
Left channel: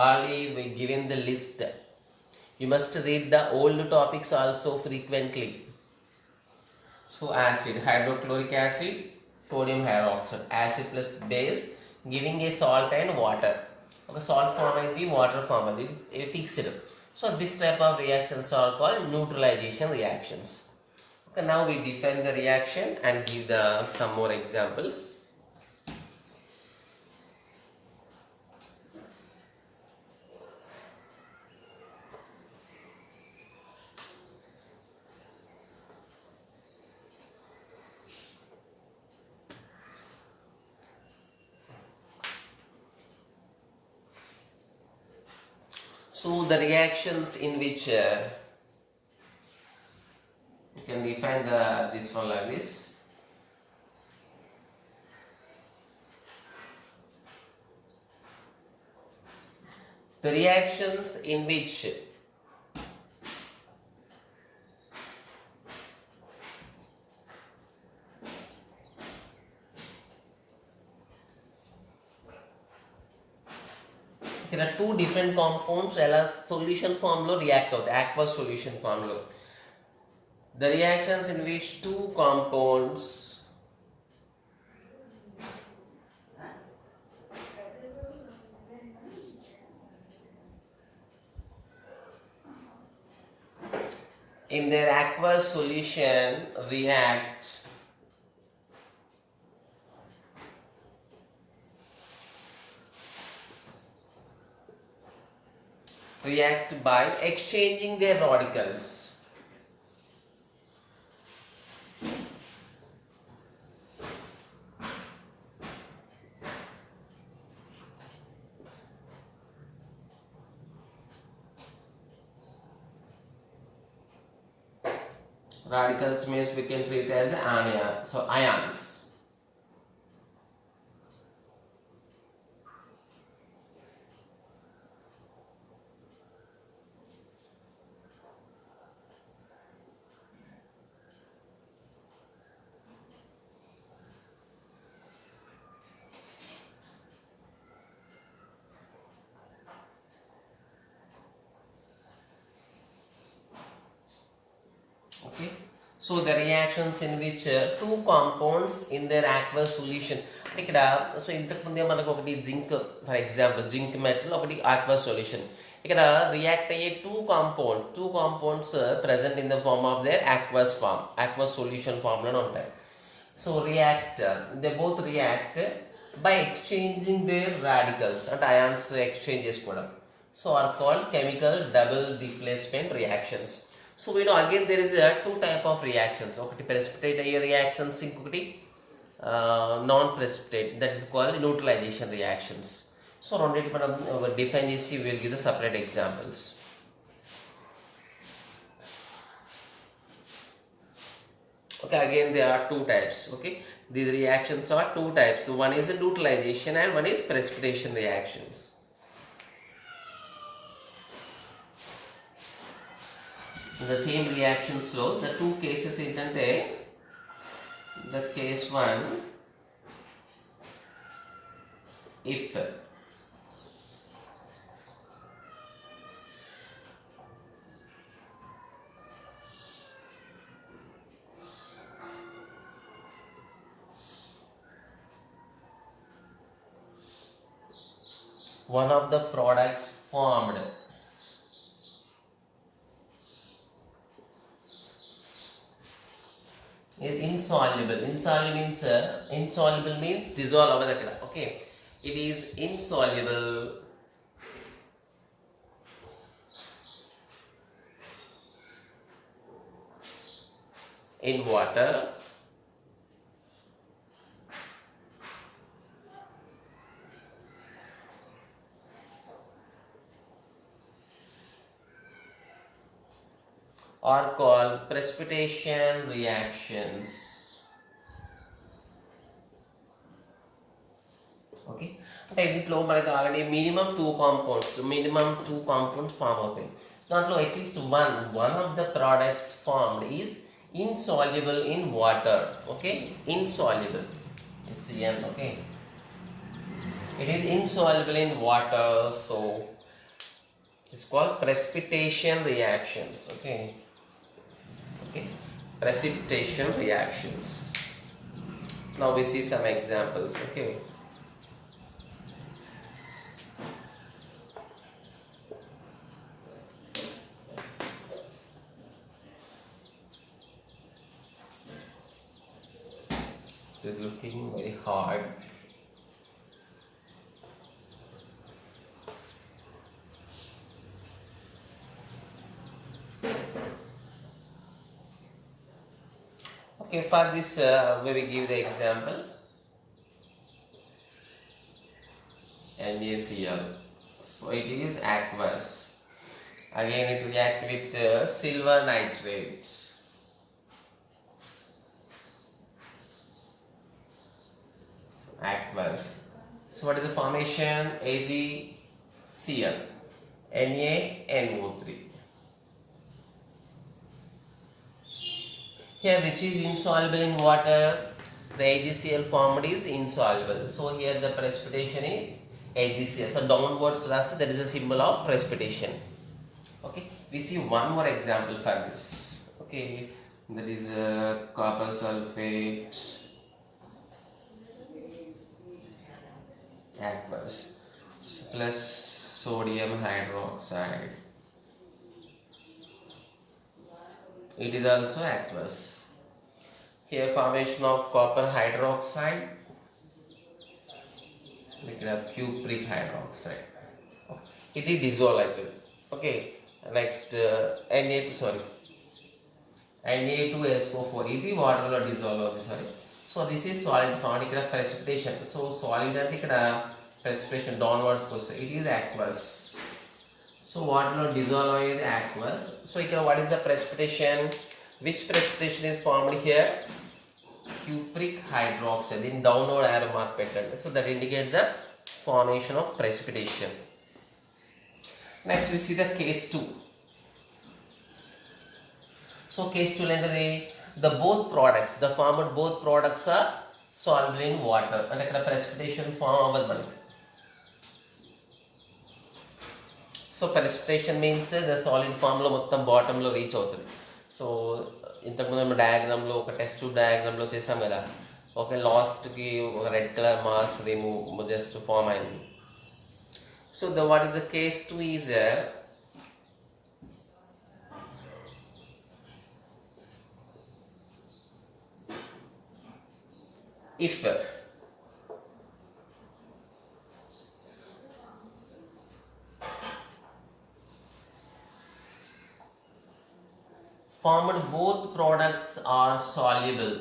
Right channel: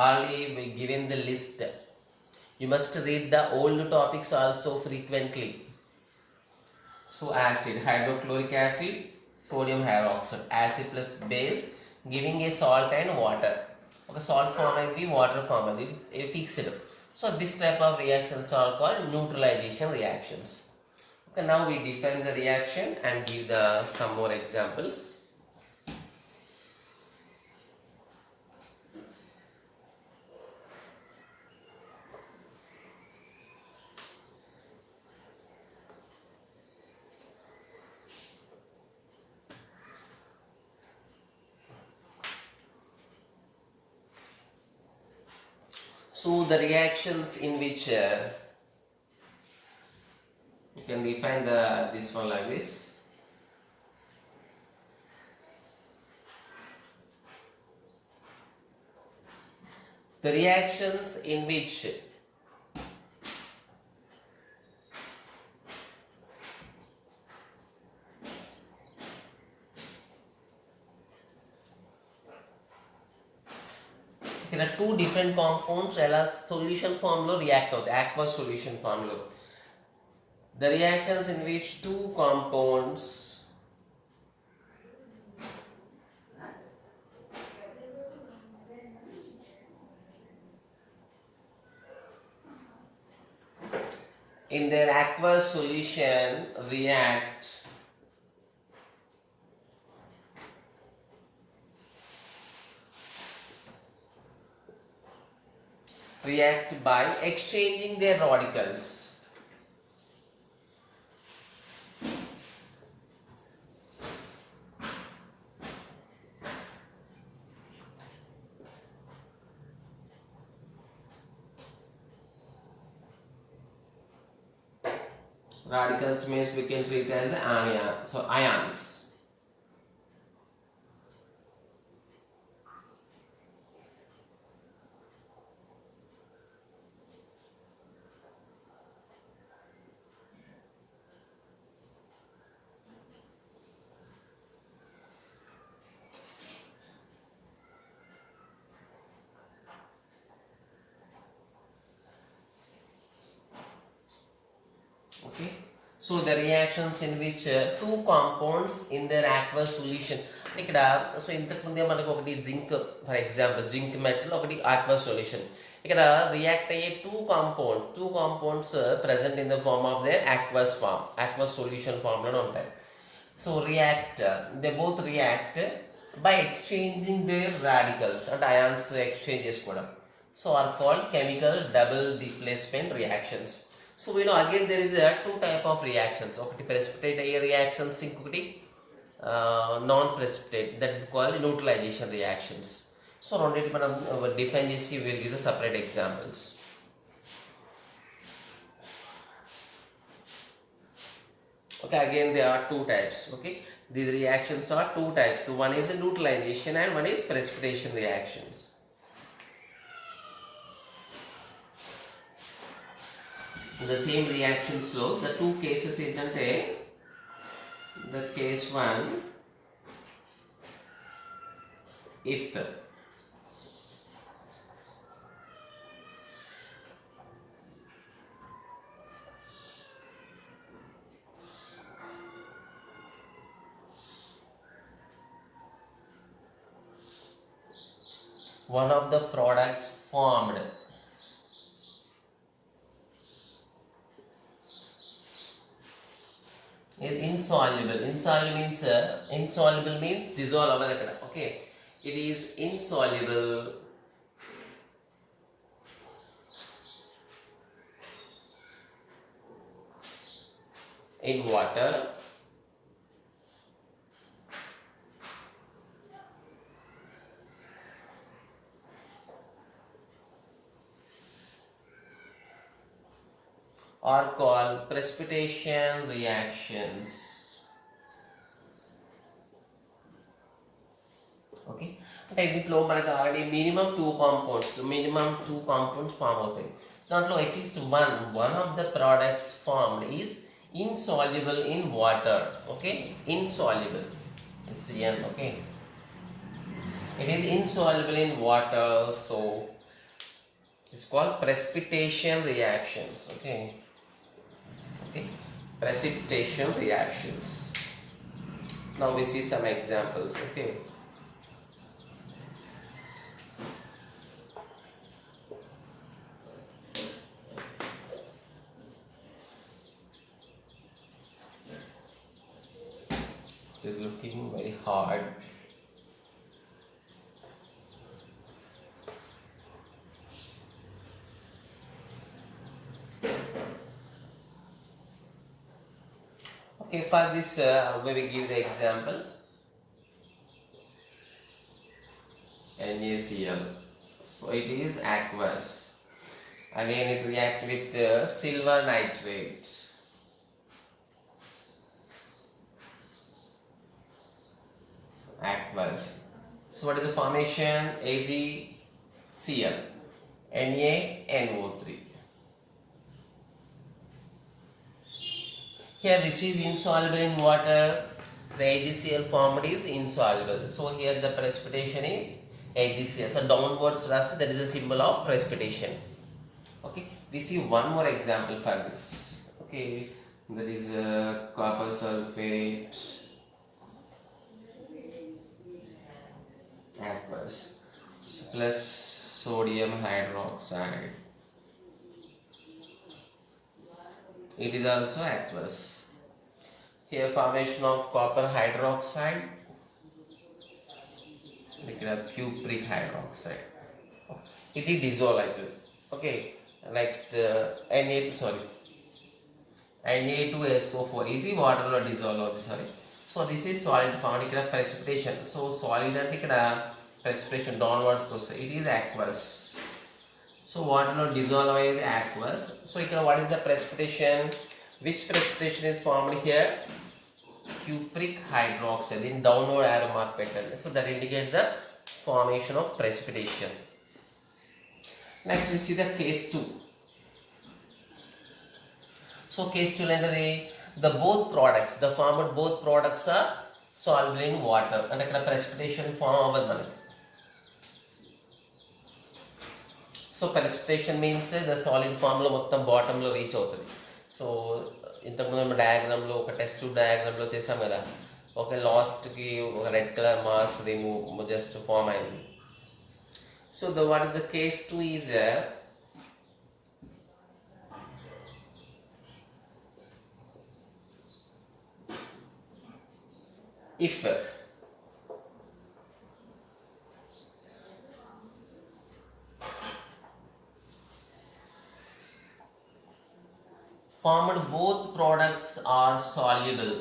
already we given the list. You must read the old topics also frequently. So acid, hydrochloric acid, sodium hydroxide, acid plus base giving a salt and water. Okay, salt form and water form is fixed. So this type of reactions are called neutralization reactions. Okay, now we define the reaction and give some more examples. So the reactions in which you can define this one like this. The reactions in which there are two different compounds ఎలా solution form లో react అవుతాయి, aqueous solution form లో. The reactions in which two compounds in their aqueous solution react by exchanging their radicals. Radicals means we can treat as ions. Okay, so the reactions in which two compounds in their aqueous solution. ఇక్కడ so ఇంతకు ముందే మనకు ఒకటి జింక్, for example zinc metal, ఒకటి aqueous solution. ఇక్కడ react అయ్యే two compounds present in the form of their aqueous solution form లోనే ఉంటాయి. So they both react by exchanging their radicals, అంటే అయాన్స్ ఎక్స్చేంజ్ చేసుకోవడం. So are called chemical double displacement reactions. So we know again there is two type of reactions. ఒకటి precipitate అయ్యే reactions, ఇంకొకటి non-precipitate, that is called neutralization reactions. So రెండింటి మనం define చేసి we will give the separate examples. Okay, again there are two types. Okay, these reactions are two types. So one is the neutralization and one is precipitation reactions. The same reactions లో the two cases ఏంటంటే, the case one, if one of the products formed is insoluble. Insoluble means dissolve over the. Okay, it is insoluble in water are called precipitation reactions. Okay, అంటే దీంట్లో మనకు already minimum two compounds form అవుతాయి. దాంట్లో at least one of the products formed is insoluble in water. Okay, insoluble, it's Cn. Okay, it is insoluble in water, so it's called precipitation reactions. Okay, precipitation reactions. Now we see some examples. Okay, it is looking very hard. Okay, for this we will give the example. NaCl. So it is aqueous. Again it reacts with silver nitrate. So, aqueous. So what is the formation? AgCl, NaNO3. Here which is insoluble in water? The AgCl formed is insoluble. So here the precipitation is AgCl. So downwards thrust, that is a symbol of precipitation. Okay, we see one more example for this. Okay, that is copper sulfate aqueous plus sodium hydroxide. It is also aqueous. Here formation of copper hydroxide, cupric hydroxide. It is dissolved. Okay, next Na2SO4. It is water lo dissolve. Sorry. So this is solid formed. Ikkada precipitation. So solid ante ikkada precipitation downwards goes. It is aqueous. So water lo dissolve is aqueous. So here what is the precipitation? Which precipitation is formed here? Cupric hydroxide. In downward arrow mark pattern. So that indicates the formation of precipitation. Next we see the case 2. So case 2 the both products are soluble in water. And ikkada precipitation form avadu manaki. So precipitation means the solid form lo mottam bottom lo reach అవుతుంది. So ఇంతకుముందు డయాగ్రామ్లో ఒక test డయాగ్రామ్లో చేసాం కదా, okay, లాస్ట్కి ఒక red colour mass remove just form అయింది. So what is the case 2 is if formed both products are soluble.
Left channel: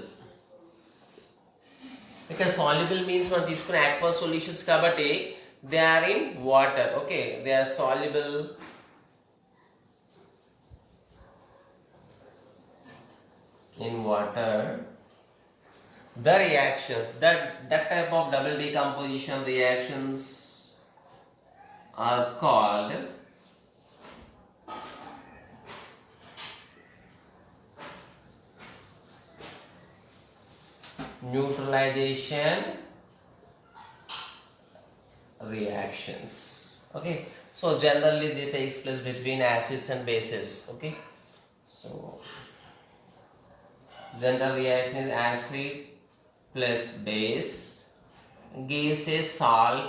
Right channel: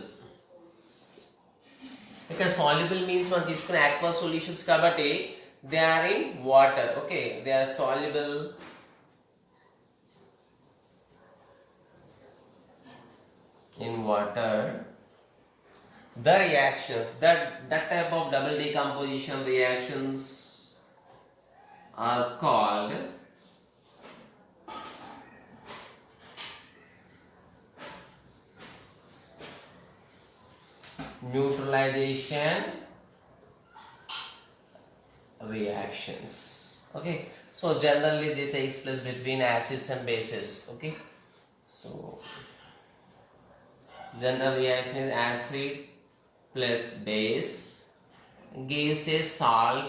Because soluble means మనం తీసుకునే aqueous solutions కాబట్టి they are in water. Okay, they are soluble in water. The reaction, that type of double decomposition reactions are called neutralization reactions. Okay, so generally they takes place between acids and bases. Okay, so general reaction acid plus base gives a salt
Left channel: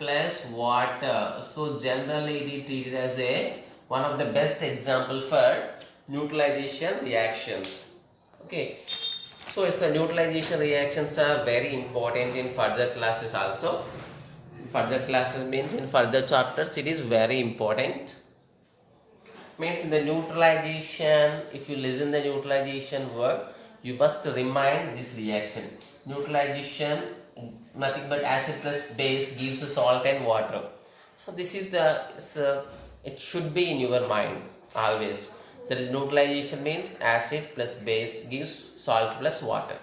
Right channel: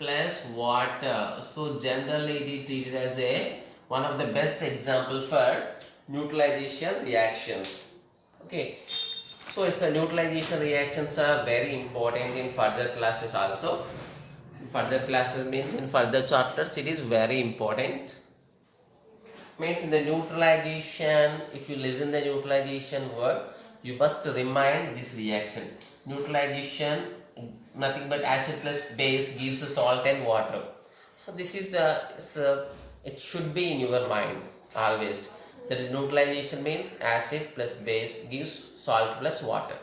plus water. So generally it is treated as one of the best example for neutralization reactions. Okay, So it's a neutralization reactions are very important in further classes also. Further classes means in further chapters it is very important. Means in the neutralization, if you listen the neutralization word, you must remind this reaction. Neutralization, nothing but acid plus base gives salt and water. So this is it should be in your mind always. That is neutralization means acid plus base gives salt plus water.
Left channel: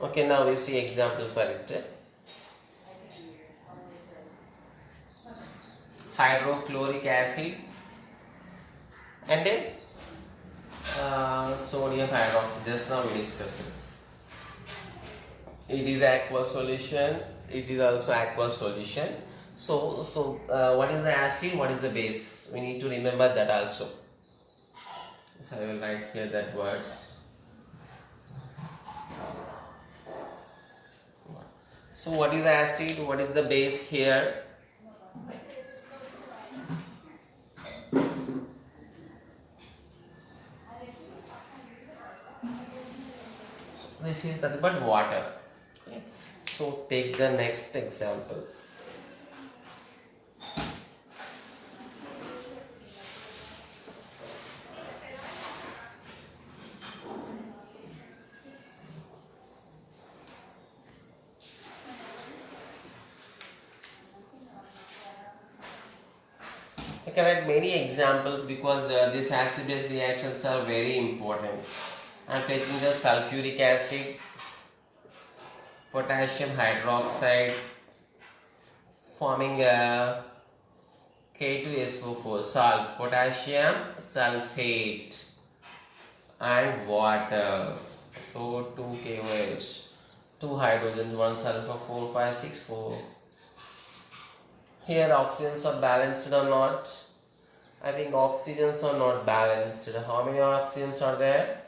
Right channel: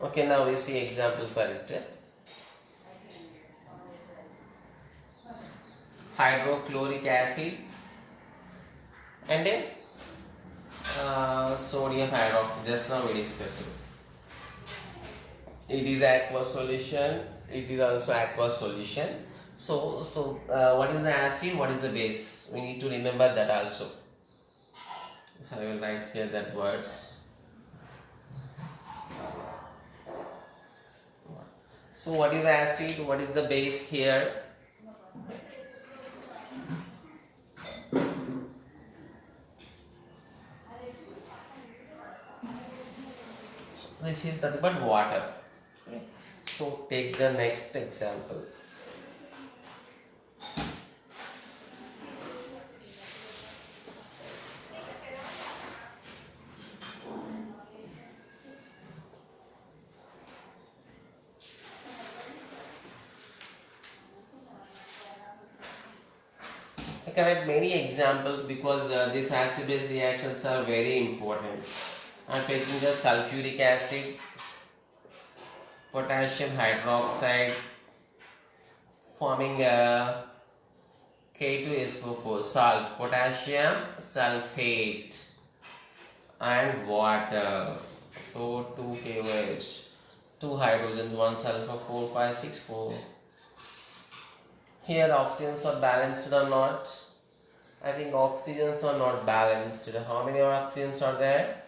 Okay, now we see example for it. Hydrochloric acid and a sodium hydroxide. Just now we discussed it. It is aqueous solution. It is also aqueous solution. So what is the acid? What is the base? We need to remember that also. So I will write here that words. So what is acid? What is the base here? This is nothing but water. Okay. So take the next example. I can add many examples because these acid-base reactions are very important. I am taking the sulfuric acid, potassium hydroxide, forming a K2SO4, salt, potassium sulfate, and water. So 2 KOH, 2 hydrogens, 1 sulfur, 4, 5, 6, 4. Here oxygens are balanced or not? I think oxygens are not balanced. How many oxygens are there?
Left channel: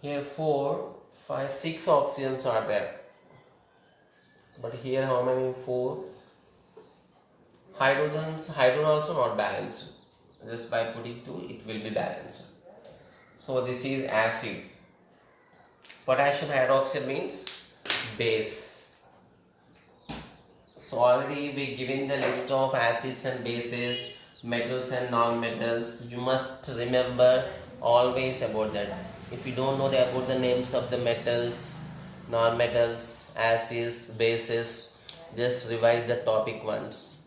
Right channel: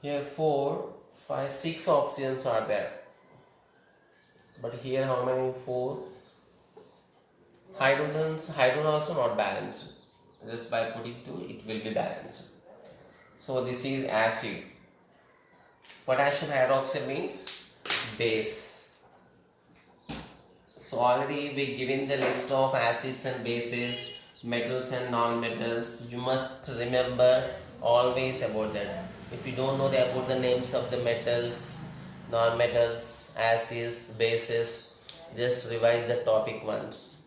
Here 4, 5, 6 oxygens are there. But here how many? 4. Hydrogens, hydrogen also not balanced. Just by putting 2 it will be balanced. So this is acid. Potassium hydroxide means base. So already we given the list of acids and bases, metals and non-metals. You must remember always about that. If you don't know about the names of the metals, non-metals, acids, bases, just revise the topic once.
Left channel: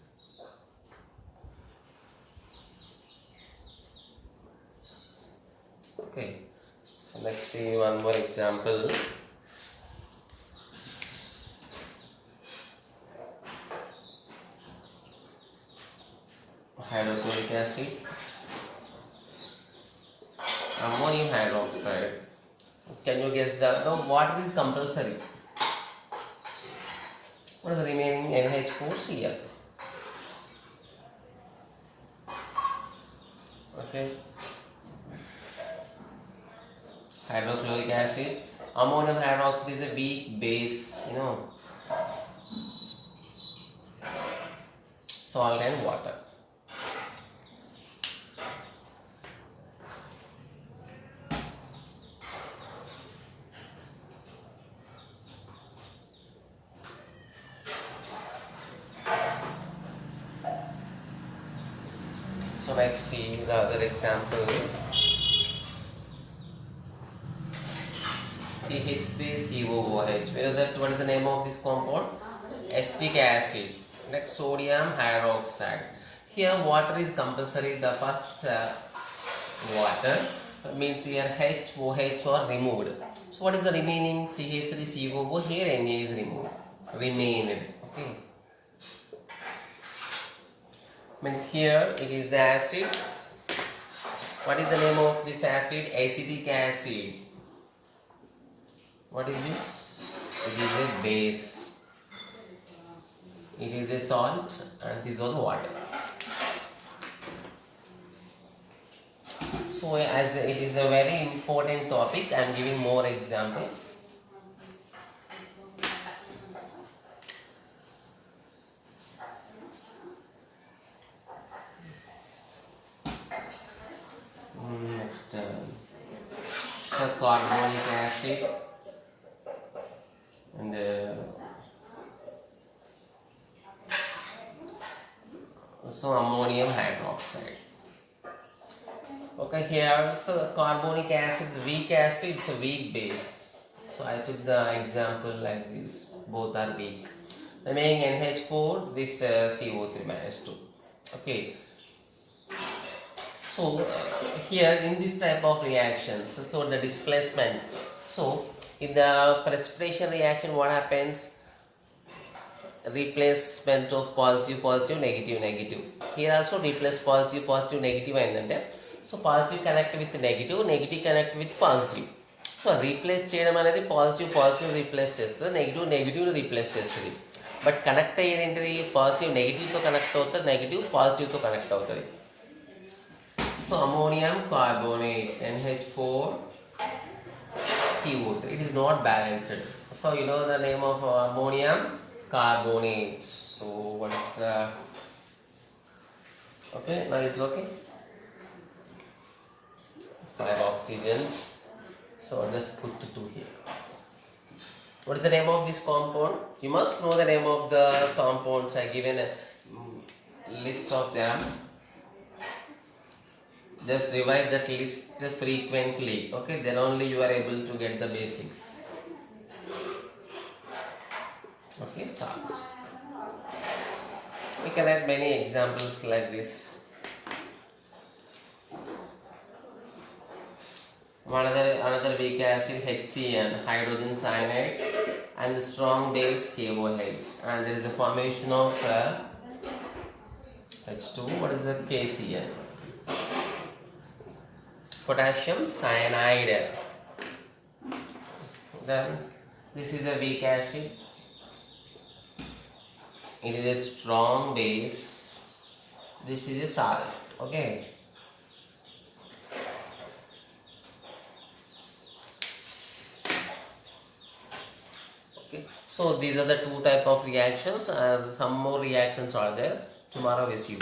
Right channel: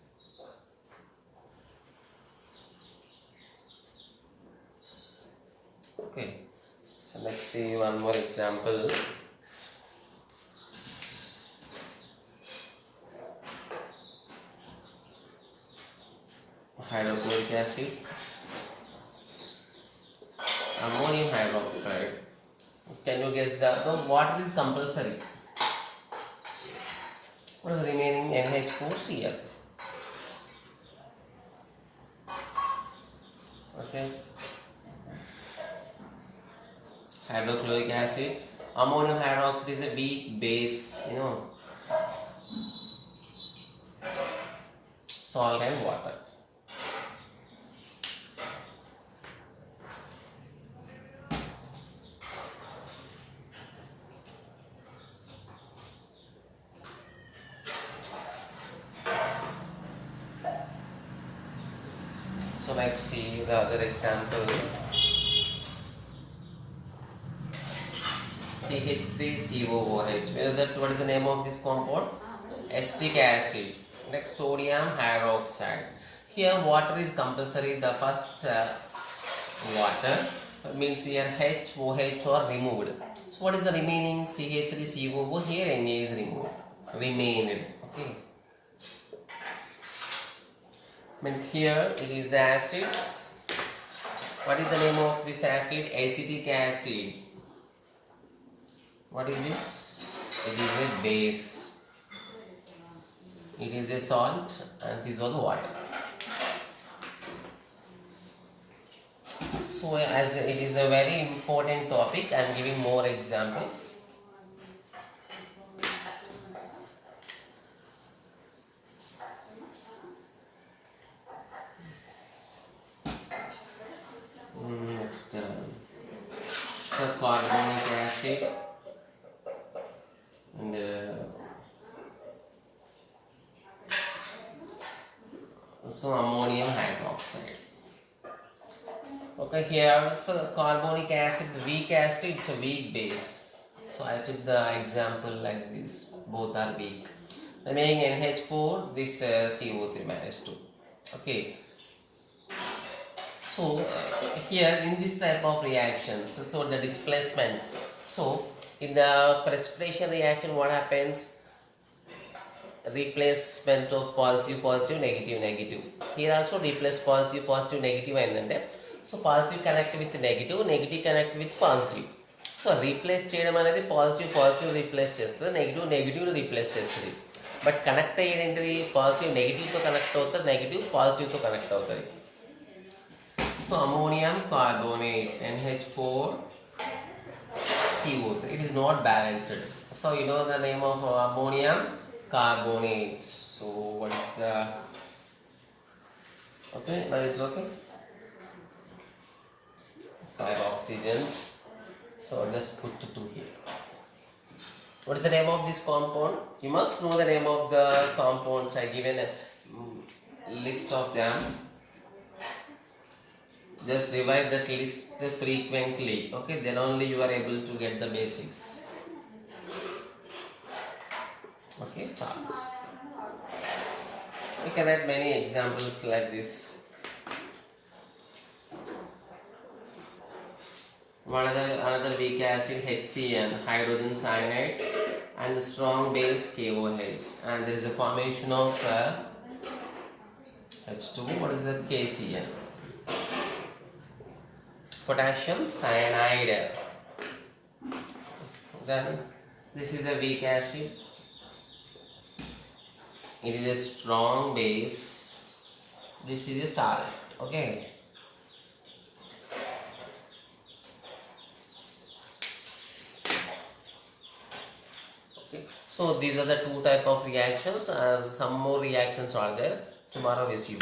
Okay, so let's see one more example. Hydrochloric acid, ammonium hydroxide. Can you guess the water is compulsory? What is the remaining? NH4Cl. Okay. Hydrochloric acid, ammonium hydroxide is a weak base, salt and water. So let's see the other example. CH3COOH. What is the name of this compound? Acetic acid. Next, sodium hydroxide. Here water is compulsory. The first water means here HOH are removed. So what is the remaining? CH3COO. Here Na is removed. Remained. Okay. Means here it is the acid. What is the name of this acid? Acetic acid. What is this? It is a base. It is a salt and this is the water. So as it is a very important topic, I am giving more examples. next carbonic acid and so ammonium hydroxide. Okay, here so carbonic acid is weak acid, it's a weak base. So I took the example like this, both are weak. Remaining NH4, this CO3 minus 2. Okay. So here in this type of reactions, so the displacement. So in the precipitation reaction, what happens? Replacement of positive, positive, negative, negative. Here also replace positive, positive, negative, and then so positive connect with negative, negative connect with positive. So replace చేయడం అనేది positive positive replace చేస్తుంది, negative negative replace చేస్తుంది. But connect అయ్యేది ఏంటిది? Positive నెగిటివ్తో connect అవుతుంది, negative పాజిటివ్తో connect అవుతుంది. So ammonium carbonate NH4 CO3, it is not balanced. So you know the name of ammonium carbonate. So what is the okay? Now it's okay. 5 oxygens. So just put 2 here. What is the name of this compound? You must know the name of the compounds. I given a list of them. Just revise that list frequently. Okay, then only you are able to get the basics. Okay, start. We can add many examples like this. Another weak acid HCN, hydrogen cyanide, and the strong base KOH, and there is a formation of H2. What is the KCN? Potassium cyanide. Then this is a weak acid. It is a strong base. This is a salt. Okay. Okay. So these are the 2 type of reactions. Some more reactions are there. Tomorrow we see.